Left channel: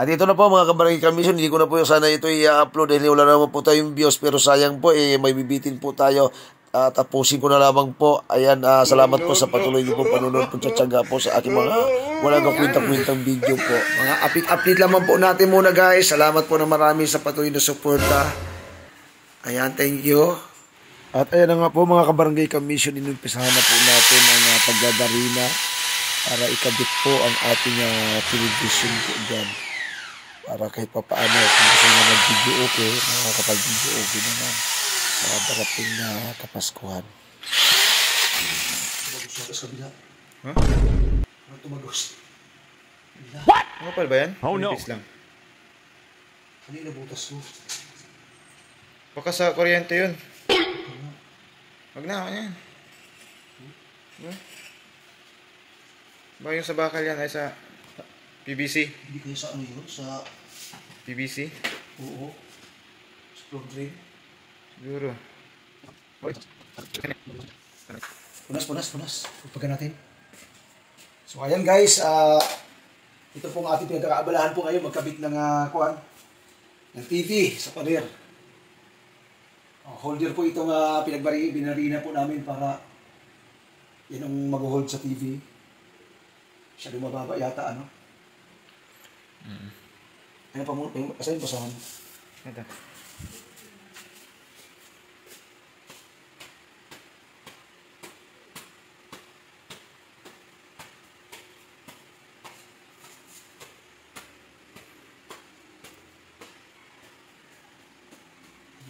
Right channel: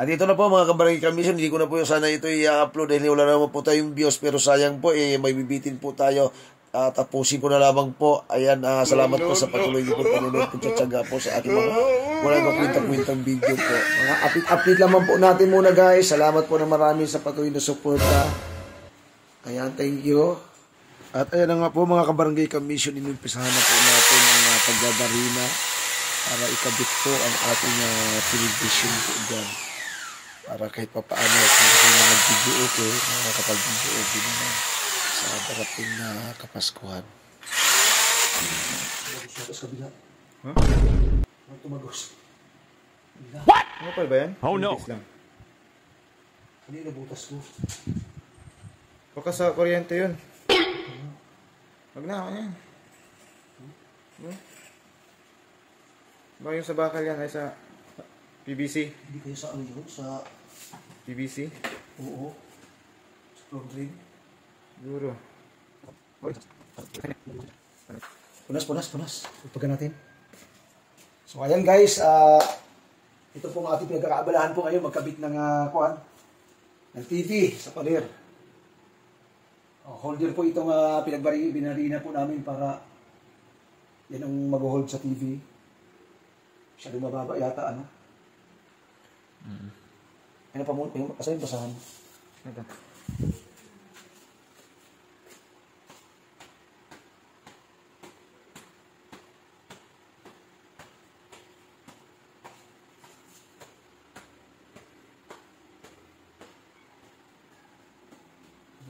At ito na po mga kabarangay kamisyon, hindi ko na po yung sana ito i-upload dahil wala naman po tayong views, pero sayang po may bibitin po tayo. Tapusin ko na lamang po. Ayan, salamat po sa patuloy niyo po panunod po tsatsaga po sa aking mga walang kakwintang-kwintang video po. Mga update lamang po natin muna guys. Salamat po na marami sa patuloy na suporta. Ayan, thank you. At ayan na nga po mga kabarangay kamisyon, inumpisahan na po natin ang pagladarina para ikabit po ang ating television po dyan. Para kahit pa paano, kung gusto nyo mag-video okay, makakapag-video okay naman sa darating na Kapaskuhan. Tumagos siya sa kabila. Huh? Tumagos. What? Ano pa ba yan? Oh no! Lang. Kanina butas ko. Baka sa kuryente yun. Wag na, ano yan? Ba yung sa bakal yan ay sa PVC? Hindi kayo sa ano yun? Sa PVC? oo. Sa floor drain. Siguro. Punas. Ipagan natin. So ayan guys, ito pong ating pinagkakaabalahan po ngayon, magkabit ng ng TV sa pader. Holder po itong binarina po namin para yan ang mag-hold sa TV. Siya lumababa yata, ano? Ano pa muna? Asa yung basahan? Ito.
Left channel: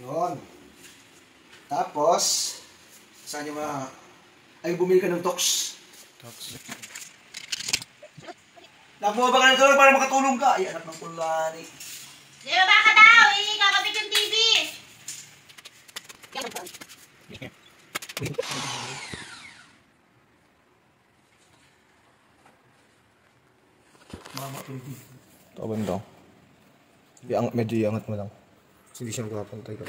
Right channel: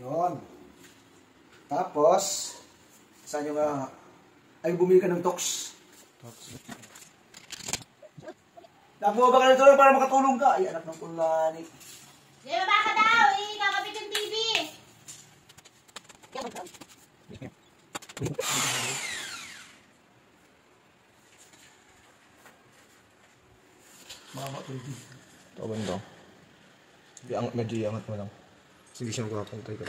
Yun. Tapos, saan yung ay bumili ka ng tox. Nakuha ba ka nito para makatulong ka? Ay, anak ng kulani. Di ba ka daw? Kakabit yung TV. Mama, baby. Taban daw. Medyo iangat mo lang. Hindi siya magpapantay ka.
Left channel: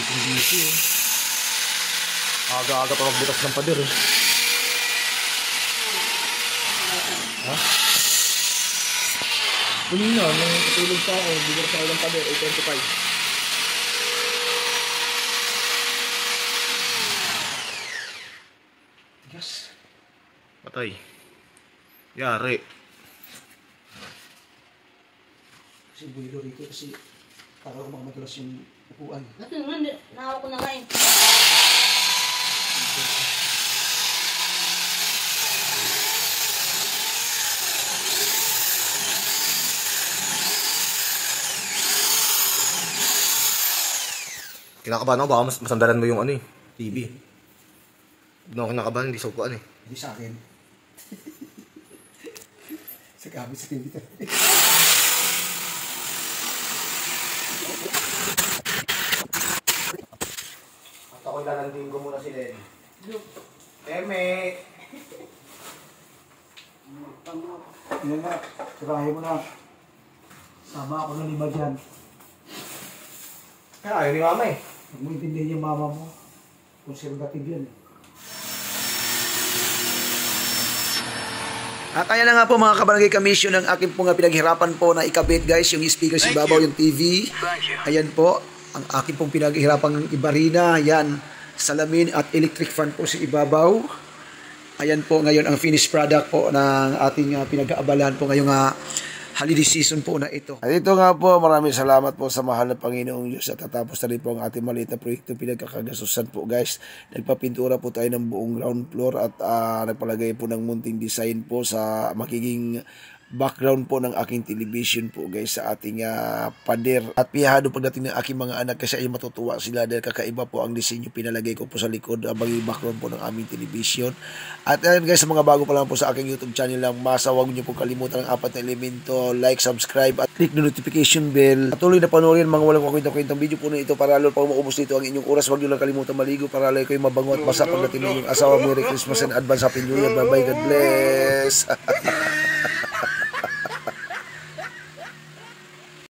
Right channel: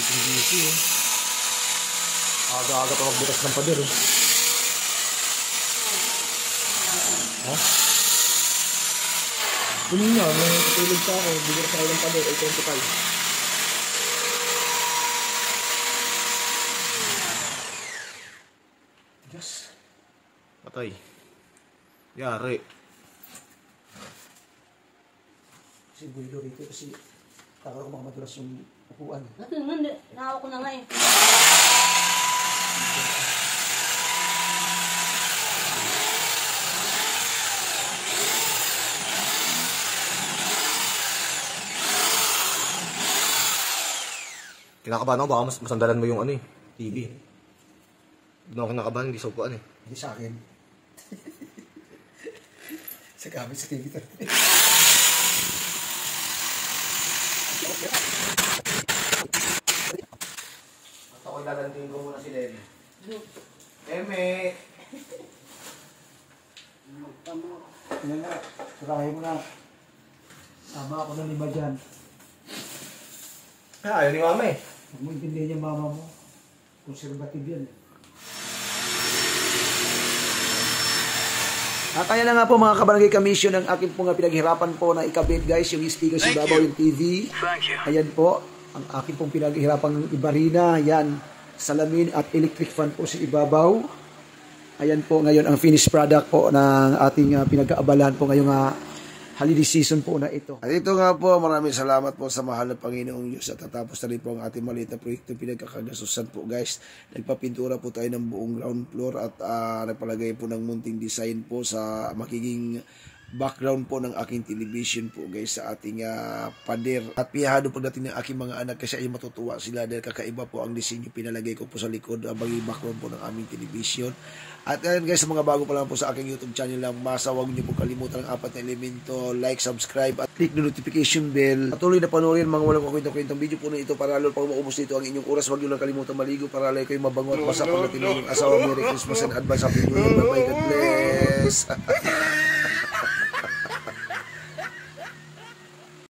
Busy eh. Aga-aga pa magbutas ng pader eh. Ha? Kunin na, may katulog pa ako. Bigyan sa ng pader, 825. Yes. Patay. Yari. Kasi buhilo rito kasi para ko makadulas yung upuan. Ba't naman? Nahawa ko na nga eh. Kinakabahan ako, baka masandalan mo yung ano eh, TV. Hindi ako kinakabahan, hindi sa upuan eh. Hindi sa akin. Sa gamit sa TV ito. At ako'y lalanting ko muna si Len. Eme! Yan nga, sirahin mo na. Sama ako ng 5 dyan. Ayaw ni mama eh. Huwag mo intindihin yung mama mo. Conservative yan. At ayan na nga po mga kabarangay kamisyon ang aking pong pinaghirapan po na ikabit guys, yung speaker sa babaw, yung TV. Ayan po, ang aking pong pinaghirapan ng ibarina, yan, salamin at electric fan po sa ibabaw. Ayan po ngayon ang finished product po ng ating pinag-aabalahan po ngayong holiday season po na ito. At ito nga po, maraming salamat po sa mahal na Panginoong Diyos at tatapos na rin po ang ating maliit na proyekto pinagkakagasusan po guys. Nagpapintura po tayo ng buong ground floor at nagpalagay po ng munting design po sa magiging background po ng aking television po guys sa ating pader. At piyahado pagdating ng aking mga anak kasi ay matutuwa sila dahil kakaiba po ang disenyo pinalagay ko po sa likod abang yung background po ng aming television. At ayun guys, sa mga bago pa lang po sa aking YouTube channel lang, huwag niyo po kalimutan ang 4 na elemento, like, subscribe at click the notification bell. Patuloy na panoorin mga walang kwentong video po na ito para lalo pag maubos dito ang inyong oras. Huwag niyo lang kalimutan maligo para lalo kayo mabango at basa pagdating ng inyong asawa. Merry Christmas and advance Happy New Year. Bye bye, God bless.